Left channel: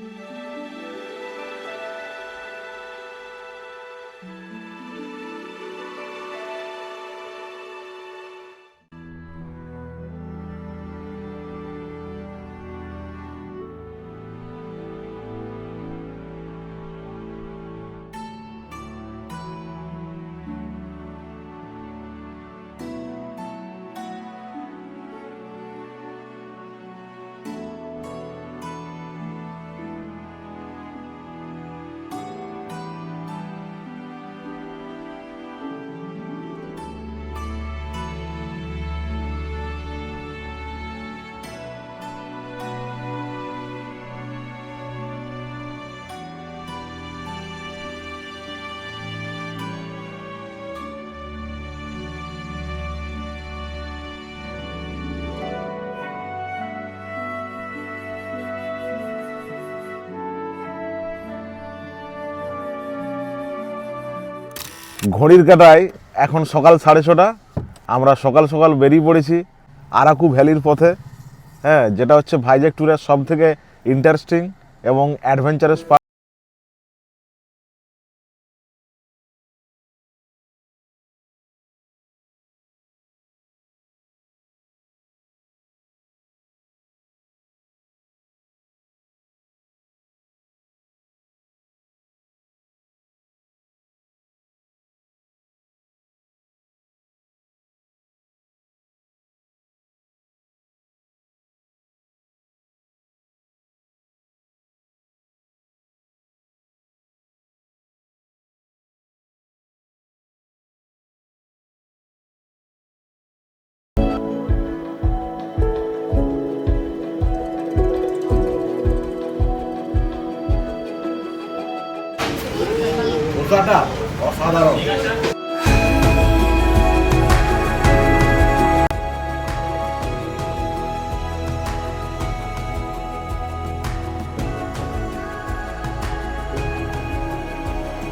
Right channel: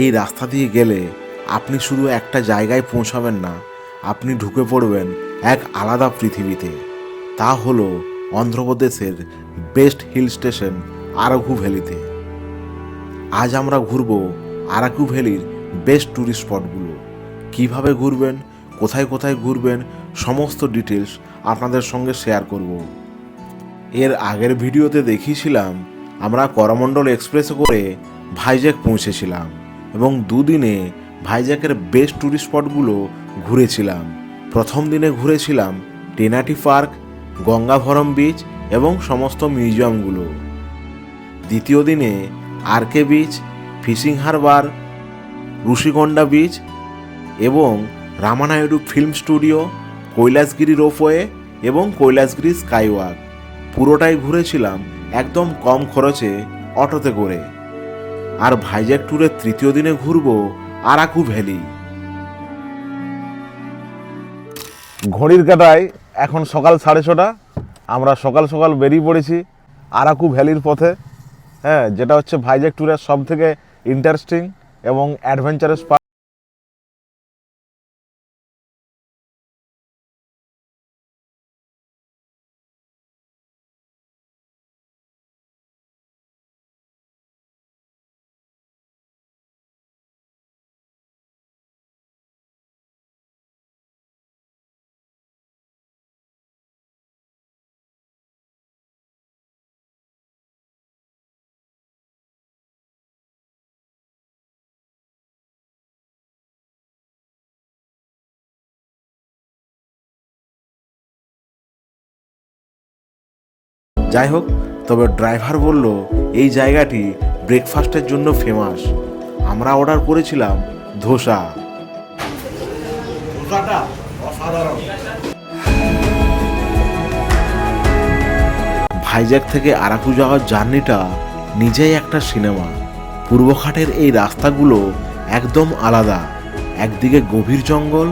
এই রাস্তা দিয়ে গেলে আপনি শুধু একটা জায়গায় পৌঁছাবেন না, আপনি ঢুকে পড়বেন এক আলাদা পৃথিবীতে। তা হলো অন্ধ্রপ্রদেশের বেস্ট হিল স্টেশন আরাকু ভ্যালিতে। আজ আমরা ঘুরব আরাকু ভ্যালির বেস্ট ট্যুরিস্ট স্পটগুলো। কিভাবে ঘুরবেন, কোথায় কোথায় ঘুরবেন, সমস্ত ডিটেলস আপনাদের সঙ্গে শেয়ার করব। এর আগের ভিডিওতে দেখিয়েছিলাম আমরা করমণ্ডল এক্সপ্রেসে করে ভাইজ্যাক পৌঁছেছিলাম এবং দুদিনে ভাইজ্যাকের বেস্ট ট্যুরিস্ট স্পটগুলো ঘুরেছিলাম। প্রথম দিনে ঘুরেছিলাম টেনাটি পার্ক, গঙ্গাভরম বিচ এবং সমস্ত মিউজিয়ামগুলো। দ্বিতীয় দিনে RK beach, fishing harbour, Rishikonda beach এবং Ramanaidu film studio, Kailasagiri ropeway এবং কৈলাসগিরি স্কাইওয়াক পুরোটাই ঘুরেছিলাম একদম কম খরচে অটোতে করে। আর ভাইজ্যাক ট্যুরের তৃতীয় দিনে ঘুরবো আরাকু ভ্যালি। ঘড়ির কাঁটায় এখন সকাল 6:30। আমরা সকাল সকাল বেরিয়ে পড়েছি আরাকু ভ্যালির পথে। যেটা হচ্ছে ভাইজ্যাক ট্যুরের সব থেকে ইন্টারেস্টিং এবং অ্যাডভেঞ্চারাস পার্ট। যাই হোক, তবে ড্রাইভার বলল এই জায়গাটি ব্রেকফাস্টের জন্য ফেমাস। আমরা অর্ডার করেছিলাম ধোসা। ধোসাটা অসাধারণ। ভাইজ্যাক থেকে আরাকু যাওয়ার জার্নিটা নিজেই একটা সিনেমা। পূর্বঘাটের এই রাস্তাগুলো একদম আলাদা। একদিকে গভীর জঙ্গল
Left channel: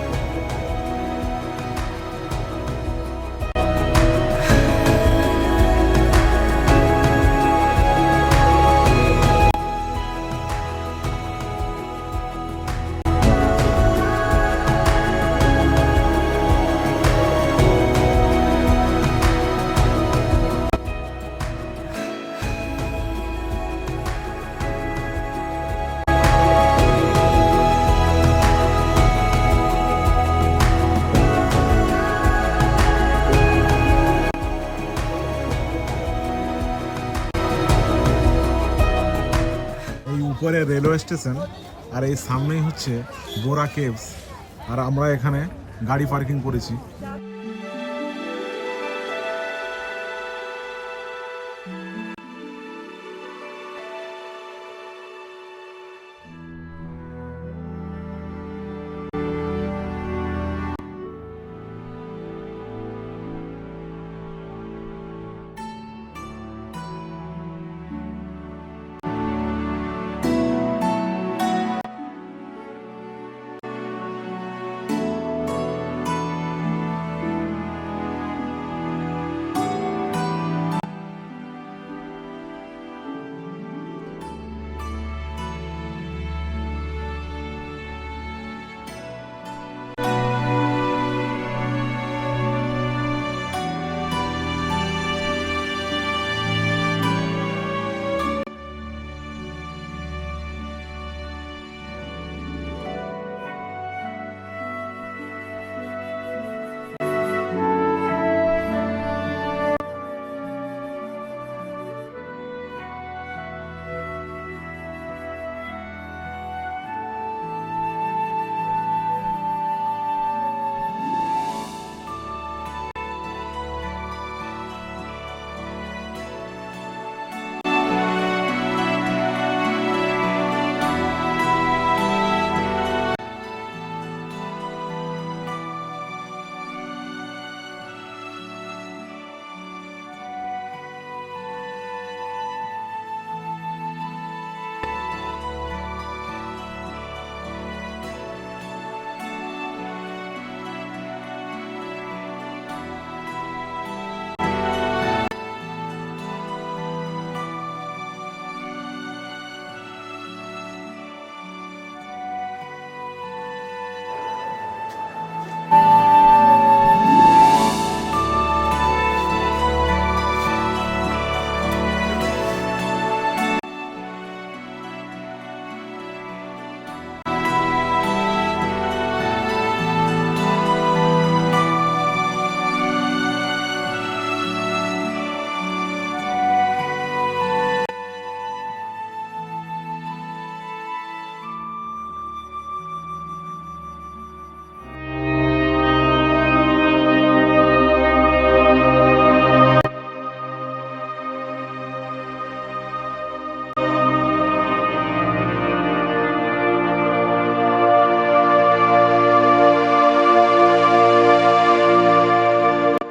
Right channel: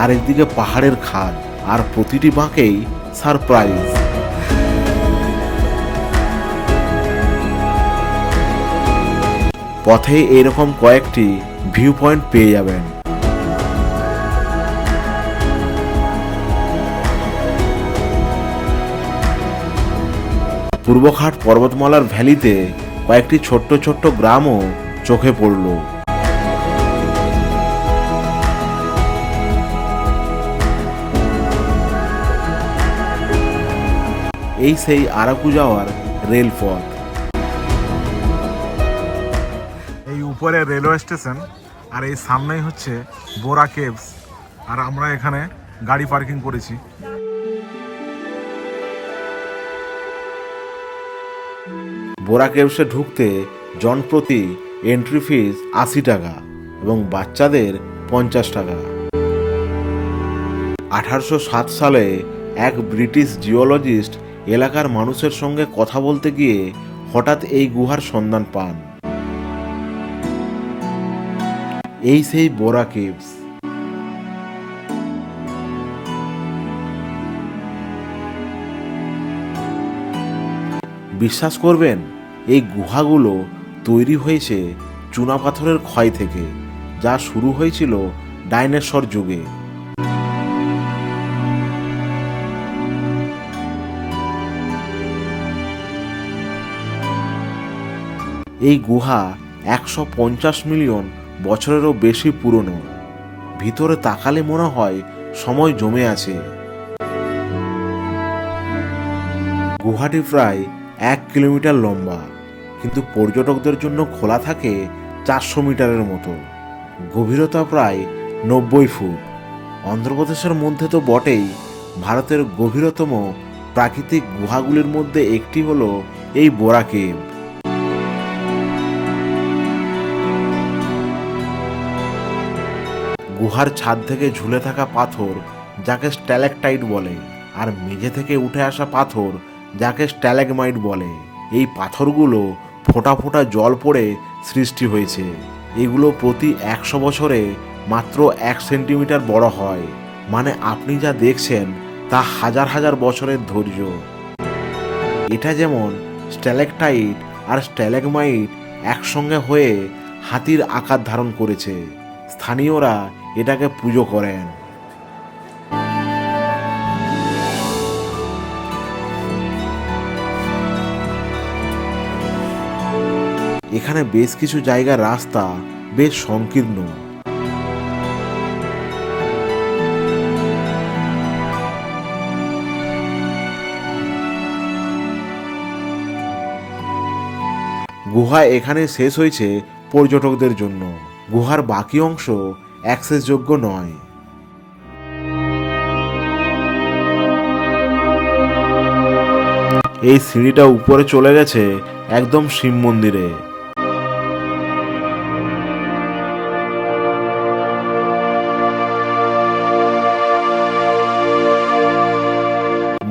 আর একদিকে পাহাড়ের খাদ, আর প্রতিটি বাঁকেই সারপ্রাইজ। পথে এরকম কয়েকটি ভিউ পয়েন্ট পেয়ে যাবেন। পূর্বঘাট পর্বতমালার ভ্যালিতে কয়েকটি ছোট্ট ছোট্ট গ্রামও চোখে পড়ল। এই সেই আরাকু যাওয়ার রেলপথ। এই উপরে রেলওয়ে স্টেশন, আর এই সামনেই হচ্ছে বোরা কেভস। আর আমরা এখানে গাড়ি পার্কিং করেছি। বোরা কেভসে ঢুকতে জনপ্রতি এন্ট্রি ফিস 80 টাকা এবং বাচ্চাদের 50 টাকা। 1807 সালে এক ব্রিটিশ জিওলজিস্ট এলাকার মানুষের সঙ্গে কথা বলতে গিয়ে হঠাৎ এই গুহার সন্ধান পান। এই সেই বোরা কেভস। বিশ্বাস করবেন, এই গুহাগুলো তৈরি হয়েছে চুনাপাথরের ক্ষয় থেকে, যা শুরু হয়েছিল ডাইনোসর যুগে। এই গুহা 150 মিলিয়ন বছরেরও বেশি পুরনো। ভিতরে তাকালে মনে হয় সময় জমে আছে। গুহাটি প্রায় 1 কিলোমিটার লম্বা, কিন্তু পর্যটকদের জন্য খোলা থাকে 400 মিটারের মতো। গভীরতা প্রায় 90 ফুট। অন্ধ্রপ্রদেশের মধ্যে তো বটেই, ভারতের গভীরতম প্রাকৃতিক গুহাগুলির মধ্যে একটি হলো এই বোরা কেভ। গুহার ছাদ থেকে ঝুলে থাকা পাথর, যাকে স্ট্যালাকটাইট বলে, আর মেঝে থেকে উঠে আসা পাথর, যাকে স্ট্যালাগমাইট বলে। এই পাথরগুলো ফোঁটা ফোঁটা জল পড়ে সৃষ্টি হয়েছে। এগুলো প্রতি 100 বছরে মাত্র 1 সেন্টিমিটার বড় হয়। মানে আপনি যা দেখছেন তা হাজার হাজার বছরের ধৈর্য। এটা যেমন স্ট্যালাকটাইট আর স্ট্যালাগমাইট একসঙ্গে হয়ে হাতির আকার ধারণ করেছে। স্থানীয়রা এটাকে পুজো করেন। এখানে বেশ কিছু জায়গার রাস্তা বেশ সংকীর্ণ। গুহা এখানে শেষ হয়েছে পর্যটকদের জন্য। গুহার বাকি অংশ অ্যাক্সেসযোগ্য নয়। এই সিঁড়িটা উপরে চলে গেছে একদম শিব মন্দিরে।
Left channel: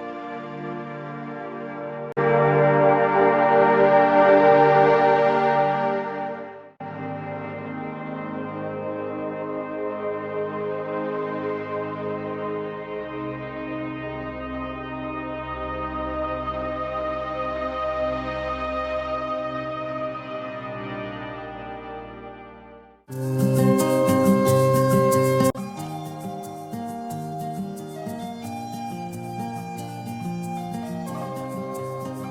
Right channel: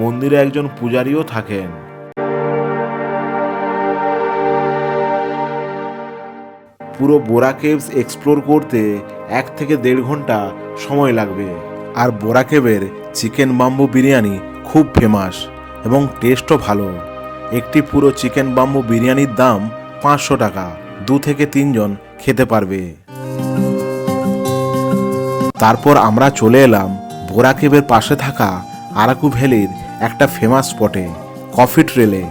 মন্দিরে একজন পূজারীও থাকেন। পুরো বোরা কেভস এক্সপ্লোর করতে 1 থেকে 1.5 ঘন্টা সময় লাগবে। আর বোরা কেভের চিকেন বাম্বু বিরিয়ানি খুব ফেমাস এবং টেস্টও ভালো। একটি পুরো চিকেন বাম্বু বিরিয়ানির দাম 500 টাকা। 2 থেকে 3 জন খেতে পারবে। তারপর আমরা চলে এলাম বোরা কেভের পাশে থাকা আরাকু ভ্যালির একটা ফেমাস স্পটে, কফি ট্রেলে।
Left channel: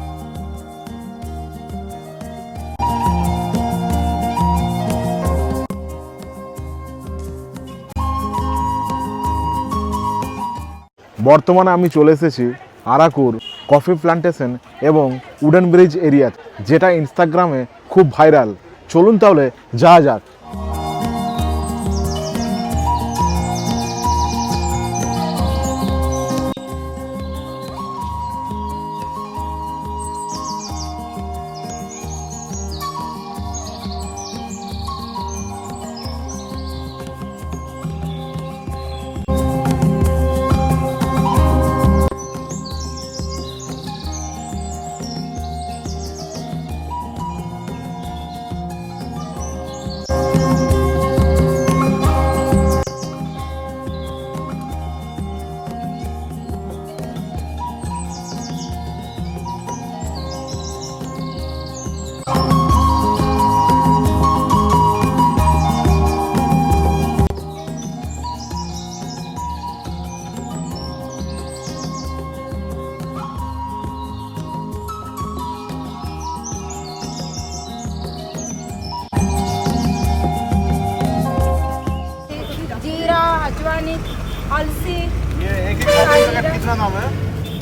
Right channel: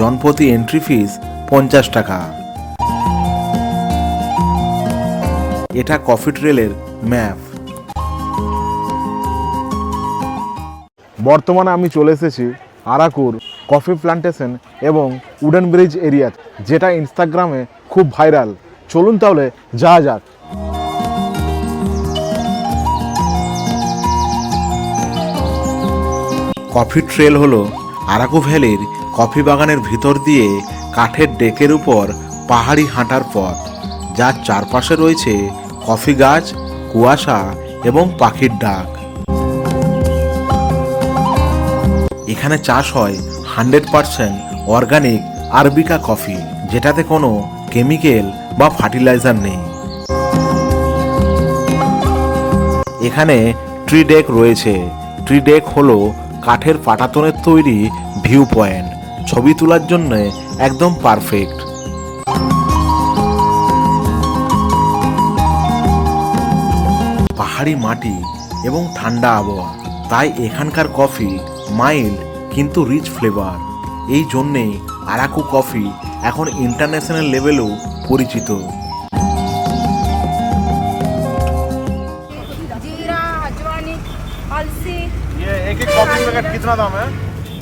জনপ্রতি এন্ট্রি ফিস 50 টাকা। এটা কফি ট্রেলের ম্যাপ। বর্তমানে আমি চলে এসেছি আরাকুর কফি প্ল্যান্টেশন এবং উডেন ব্রিজ এরিয়া, যেটা ইনস্টাগ্রামে খুব ভাইরাল। চলুন তাহলে যাওয়া যাক। কফি ট্রেল হলো আরাকু ভ্যালির কফি বাগানের ভিতর দিয়ে কাঠের ডেকের উপর পাহাড়ি হাঁটার পথ, যার চারপাশে রয়েছে কফি গাছ, কুয়াশা এবং পাখির ডাক। এখানে চাষ হয় 100% অর্গানিক আরবিকা কফি, যেটাতে কোনো কেমিক্যাল বা ফার্টিলাইজার নেই। এখানে ট্রি ডেক রয়েছে। ট্রি ডেক হলো কাঠের পাটাতনের তৈরি ভিউ পয়েন্ট। ছবি তোলার জন্য একদম পারফেক্ট। পাহাড়ি মাটি এবং ঠান্ডা আবহাওয়া, তাই এখানকার কফি মাইল্ড কিন্তু রিচ ফ্লেভার। এই জন্যে আরাকু কফি এখন ইন্টারন্যাশনাল লেভেলেও পরিচিত। जीरा, अजवानी, अलसी। ये एक कॉफी पैकेट कितना दाम है?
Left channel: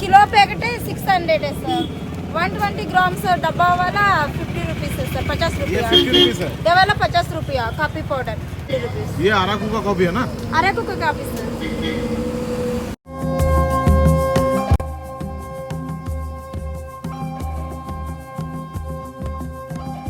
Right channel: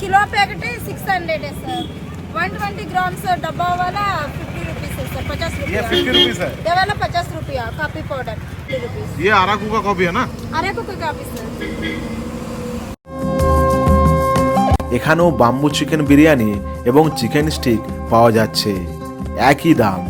किलो पैकेट है 600 है सर। 120 ग्राम सर, डब्बा वाला 50 रुपीस है सर, 50 ये रुपया। 50 रुपीस है। ये वाला 50 रुपया, कॉफी पाउडर 50 रुपीस। ये अराकू का कॉफी है ना? अरे को कॉफी सर। এখানেও বাম্বু চিকেন বিরিয়ানি এবং চিকেন স্টিক পাওয়া যাচ্ছে, একই দাম।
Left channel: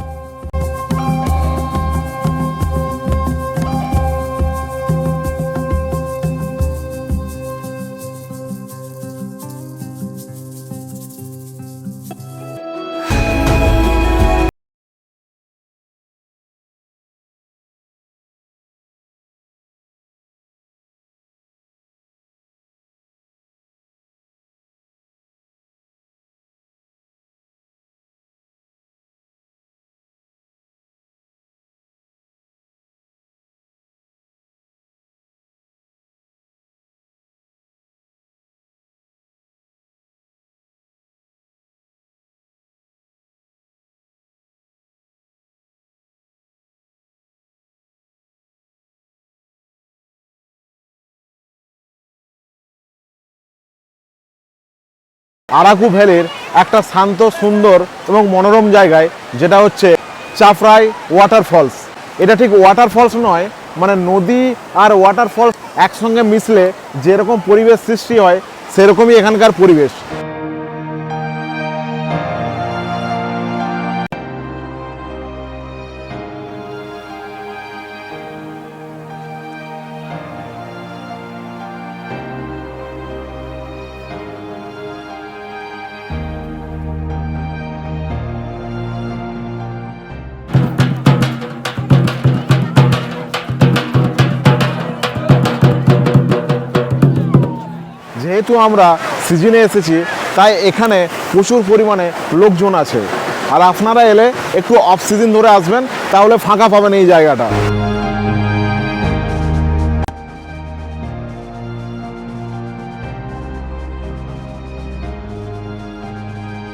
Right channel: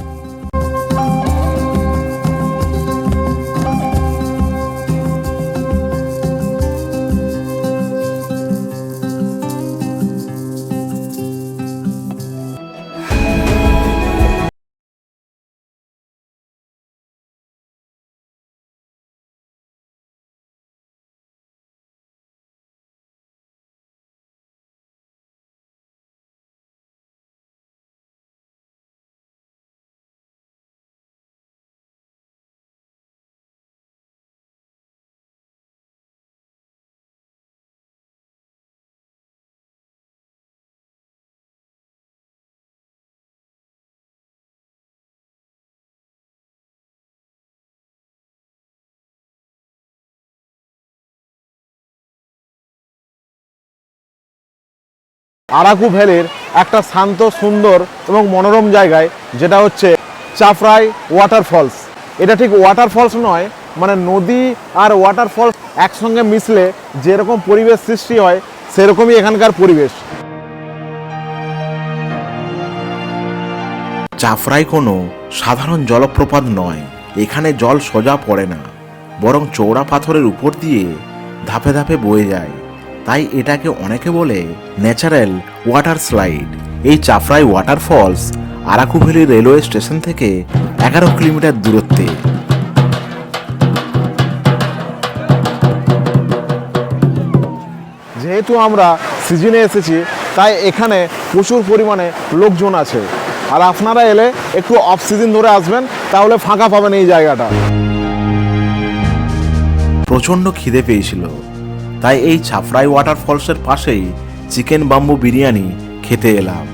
আরাকু ভ্যালির একটা শান্ত, সুন্দর এবং মনোরম জায়গায়, যেটা হচ্ছে চাফরাই ওয়াটারফলস। এটা ঠিক ওয়াটারফলস নয়, মানে নদী আর ওয়াটারফলস একসঙ্গে মিশলে যেরকম পরিবেশ সৃষ্টি হয় সেরকমই এখানকার পরিবেশ। চাফরাই কোনো সাধারণ জলপ্রপাত নয়। এখানে জল সোজা পড়ে না, বরং চওড়া পাথরের উপর দিয়ে ধাপে ধাপে বয়ে যায়। তাই এটাকে অনেকে বলে ন্যাচারাল ওয়াটার স্লাইড। এই Chaparai waterfalls Araku valley railway station থেকে 11 কিলোমিটার দূরত্বে। যে যেহেতু আমরা সিজনে এসেছি তাই এখানে প্রচুর পরিমাণে লোকজন আছে, আর আপনারা এলে একটু অফ সিজন ধরে আসবেন, তাহলে ফাঁকা পাবেন এই জায়গাটা। প্রচণ্ড খিদে পেয়েছিল, তাই এই চাপড়াই ওয়াটারফলসের পাশেই চিকেন বাম্বু বিরিয়ানি খেতে এলাম।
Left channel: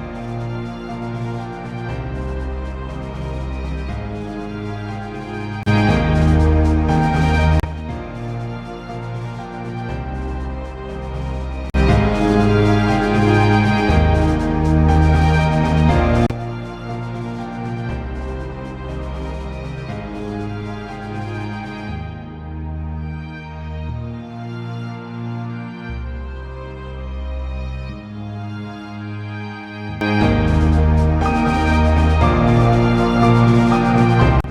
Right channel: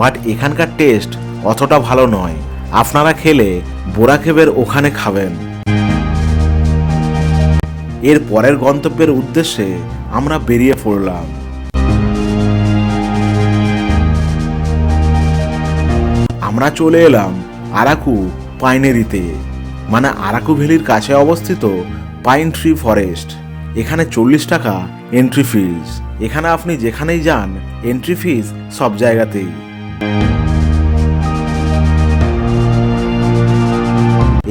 বাট এখানকার টেস্ট অতটা ভালো নয়, আপনারা খেলে বোরাখেবের ওখানে খাবেন। এর পরের গন্তব্যের উদ্দেশ্যে আমরা বেরিয়ে পড়লাম। আমরা চলে এলাম আরাকু পাইনেরিতে, মানে আরাকু ভ্যালির কাছে অবস্থিত পাইন ট্রি ফরেস্ট। এখানে 40 টাকা এন্ট্রি ফিজ। এখানে আপনি যেখানেই যান এন্ট্রি ফিজ সব জায়গাতেই।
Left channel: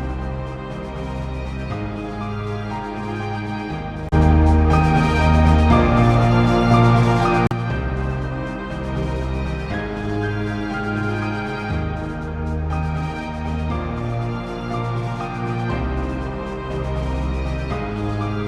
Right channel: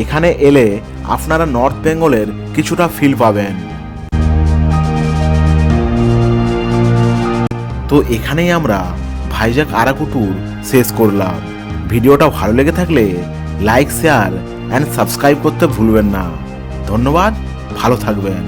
এখানে এলে আপনারা নর্থ বেঙ্গলের কিছুটা ফিল পাবেন। তো এখানেই আমরা ভাইজাগ আরাকু ট্যুর শেষ করলাম। ভিডিওটা ভালো লেগে থাকলে লাইক, শেয়ার অ্যান্ড সাবস্ক্রাইব করতে ভুলবেন না। ধন্যবাদ, ভালো থাকবেন।